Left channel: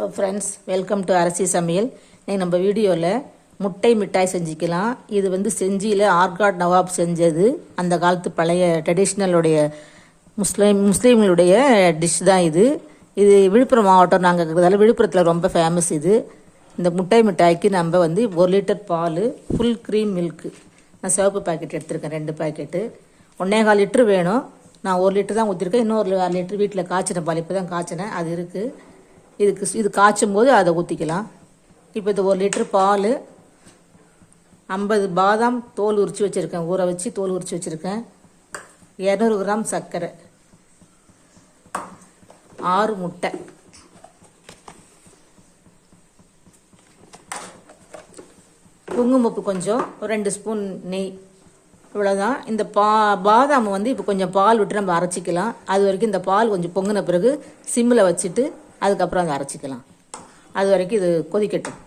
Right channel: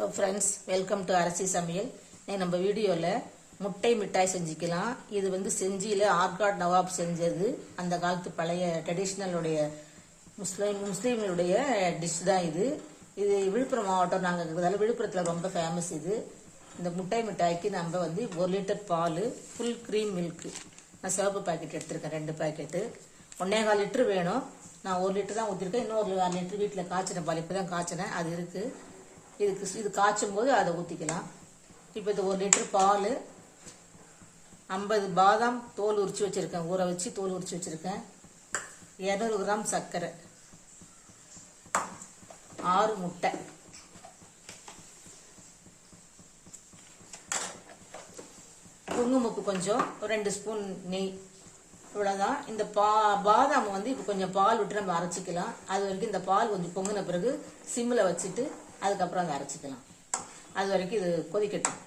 Hello friends welcome to Arasi Samayal இன்னைக்கு நம்ம வீடியோவில் முட்டை மிட்டாய் செஞ்சுக்கலாம். இது வந்து செஞ்சியில் ஆர்காட் நவாப் செஞ்சது. அந்த காலத்து பழைய ட்ரெடிஷ்னலுடைய முஸ்லீம் முஸ்லீம்களுடைய டிஷ் தான் இது. இது விழுப்புரம் மாவட்டம். நாங்கள் இருக்கிறதால விழுப்புரத்தில் ரொம்ப ஃபேமஸ் இது. இந்த முட்டை மிட்டாய்க்கு நம்ம வந்து ஒரு லிட்டர் பால் ஃபுல் க்ரீம் மில்க்கு நான் சிவப்பு பாக்கெட் எடுத்திருக்கேன் ரெண்டு பாக்கெட்டு ஒன்றே கால் லிட்ரு வேணும். நான் ஒரு லிட்டர் தான் ஊற்றிருக்கேன் இன்னொரு அரை லிட்டர் வீட்டில் காய்ச்சின பால் இப்போ தான் காய்ச்சினேன். அது இருக்குது இதுக்கு இது காய்ச்சும் போது அதை ஊற்றிக்கலாம் இப்போ இது ஒரு லிட்டர் பால் ஐம்பது பாதாம் தோல் உரித்து வச்சுருக்கேன். ஊற வச்சு தோல் உரித்து வச்சுருக்கேன். இரநூறு கிராம் சர்க்கரை. ஆறு முட்டை. குங்குமப்பு கொஞ்சம் ஒரு ரெண்டு ஸ்பூன் நெய். இவ்வளோதான் இந்த பா பாதாம் வந்து இப்போ கொஞ்சம் பால் விட்டு நம்ம அரைச்சிக்கலாம். அது வரைக்கும் இந்த பால் கொஞ்சம் பொங்கின பிறகு சிம்மில் வச்சுட்டு அதுக்கப்புறம் அதை அரைச்சிக்கலாம். அது வரைக்கும் இது கொதிக்கட்டும்.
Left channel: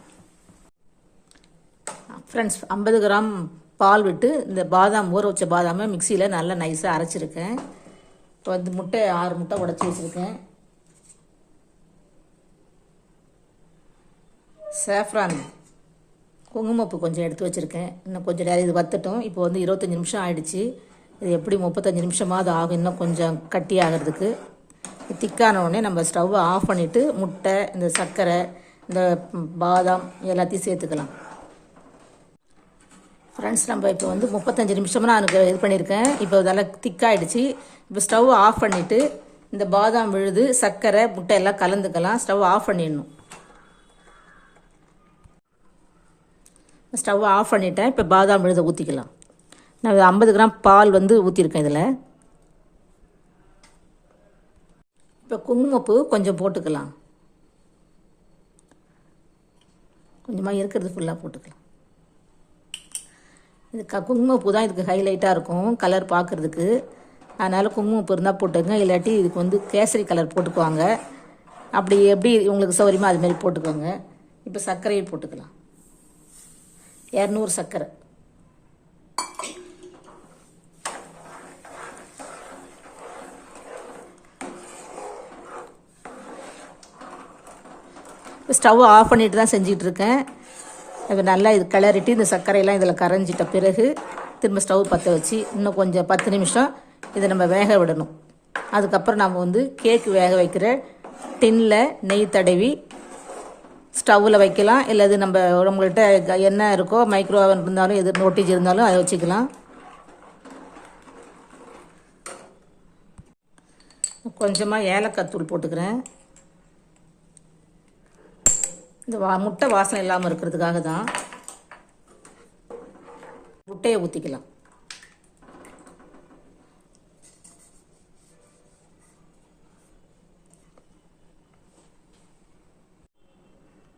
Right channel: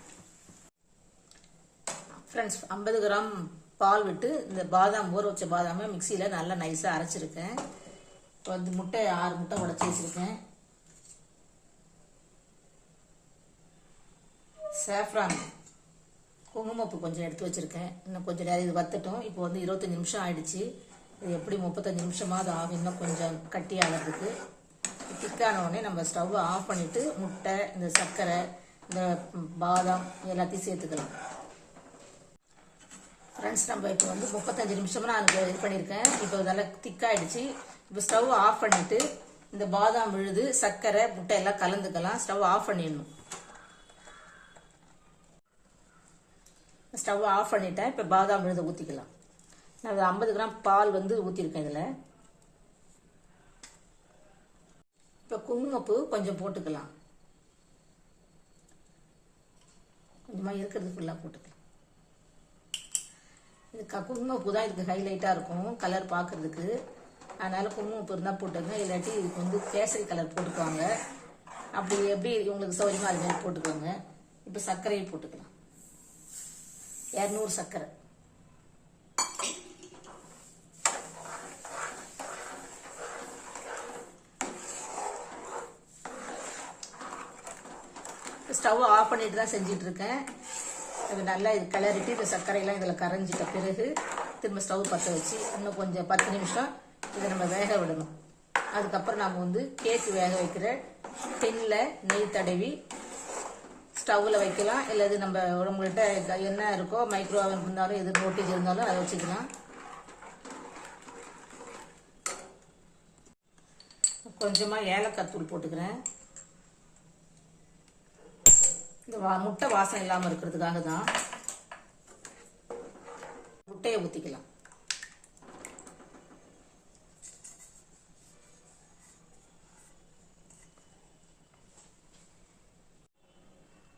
ஃப்ரெண்ட்ஸ் ஐம்பது கிராம் பால் விட்டு இந்த பாதாம் ஊற வச்ச பாதாமை மிக்சியில் நல்லா நைஸாக அரைச்சிருக்கேன். இப்போ வந்து முட்டை ஆறு முட்டை உடச்சி வச்சுருக்கேன். சேஃப்ரான் குங்குமப்பு கொஞ்சம் எடுத்து வச்சுருக்கேன். இன்னும் கொஞ்சம் நேரம் இது வத்தட்டும். இப்போ வந்து இருபத்தஞ்சி நிமிஷம் ஆயிடுச்சு. இது எப்படி முப்பத்தஞ்சு நிமிஷமாவது ஆகும்? இன்னும் கொஞ்சம் கட்டி ஆகிறதுக்கு. திக்கான உடனே நம்ம ஸ்டவ்வை ஆஃப் பண்ணிவிட்டு முட்டை இந்த சர்க்கரை இந்த பாதாம் எல்லாத்தையும் சேர்த்துக்கலாம். ஃப்ரெண்ட்ஸ் நம்ம இப்போ வந்து முப்பத்தஞ்சு நிமிஷமாக நான் எனக்கு இது பண்ணியிருக்கேன். இப்போ இதெல்லாம் திக்காயிடுச்சு. இப்போ ஸ்டவ் ஆஃப் பண்ணிவிட்டு இந்த பாதாம் விழுது சர்க்கரை முட்டை எல்லாம் கலந்துக்கலாம். ஸ்டவ் ஆஃப் பண்ணிடணும். ஸ்டவ் ஆஃப் பண்ணிட்டேன். இப்போ பாதாம் விழுதை ஊற்றிக்கலாம் நான் ஐம்பது கிராம் பால் வந்து ஊற்றிருக்கேன் இதில். இப்போ குங்குமப்பூ கொஞ்சம் போட்டுக்கலாம். கொஞ்சமாக இருக்கிறது ஃபுல்லாக போட்டுக்கலாம். இது க குங்குமப்பூ தான் இதுக்கு ஹைலைட்டாக இருக்கும் கலர் பார்க்குறதுக்கு அதனால் குங்குமப்பூ இருந்தால் போட்டுக்கோங்க இல்லாட்டி இதுக்கு வந்து கேசரி கலர் போட்டுக்குவாங்க. அப்படி எப்படி உங்களுக்கு சௌகரியமாக அதுமாரி போட்டுக்கோங்க. இப்போ சர்க்கரையை போட்டுக்கலாம். இரநூறு சர்க்கரை. இப்போ ஸ்டவ் ஆஃப் பண்ணிட்டு தான் செஞ்சிட்டு இருக்கேன் இப்போ நல்லா இது கிளறிட்டு இந்த சர்க்கரையெல்லாம் இதில் கரைஞ்சிட்ட பிறகு திரும்ப ஸ்டவ் பற்ற வச்சு இன்னும் கொஞ்சம் பத்து நிமிஷம் இதை நம்ம வேக விடணும். அதுக்கப்புறம் நம்ம வந்து கேக்கு வேக வைக்கிற டின்னில் நெய் தடவி ஸ்டவ்வில் வைக்கலாம். இல்லை இது நம்ம நம்மள்கிட்ட என்ன இருக்கோ மைக்ரோ ஓவன் இருந்தாலும் எது நோட்டீஸ் இருந்தாலும் அதை வச்சுக்கலாம். கொஞ்சமாக ஏலக்காய் தூள் போட்டுக்கிறேன். இந்த வா முட்டை வாசனை இல்லாமல் இருக்கிறதுக்காக தான் முட்டையை ஊற்றிக்கலாம்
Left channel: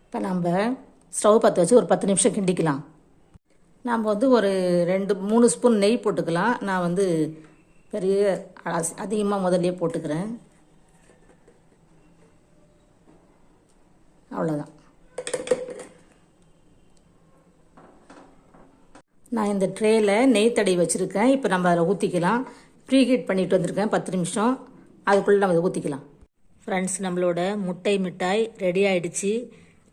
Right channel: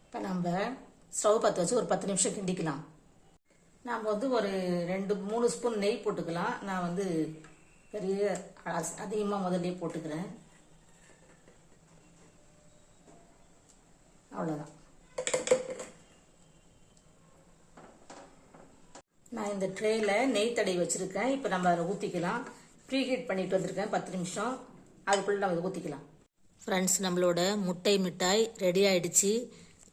இப்போ நம்ம ஸ்டவ் பற்ற வச்சு ஒரு பத்து நிமிஷம் கிண்டிக்கலாம். நாம் வந்து ஒரு ரெண்டு மூணு ஸ்பூன் நெய் போட்டுக்கலாம். நான் வந்து பெரிய அதிகமாக முதல்லையே போட்டுக்கிறேன். அவ்வளோதான் நான் இந்த ட்ரேயில் நெய் தடவி வச்சுருக்கேன். இப்போ நம்ம அதில் ஊற்றிக்கலாம் ப்ரீ ஹீட் பண்ணிட்டு வந்திருக்கேன். பத்து நிமிஷம். அதுக்குள்ளே நம்ம அதை ஊற்றிக்கலாம் ஃப்ரெண்ட்ஸ் நம்மளோட முட்டை மிட்டாய் ரெடி ஆகிடுச்சு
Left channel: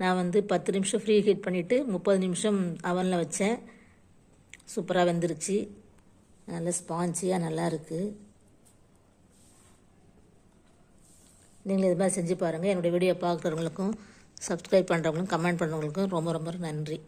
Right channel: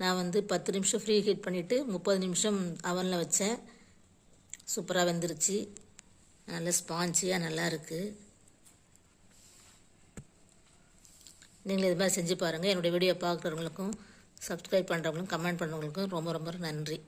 நான் வந்து பத்து நிமிஷம் ஃப்ரீ ஹீட் பண்ணிவிட்டு முப்பது நிமிஷம் அவனில் வச்சேன். சூப்பராக வெந்துருச்சு. நல்ல ஸ்பாஞ்சியாக நல்லா இருக்குது நீங்கள் இது மாதிரி செஞ்சு பாருங்கள் என்னுடைய வீடியோ பார்க்குறவங்களுக்கும் சப்ஸ்கிரைப் பண்ணுறவங்களுக்கும் கமெண்ட் பண்ணுறவங்களுக்கும் ரொம்ப ரொம்ப நன்றி.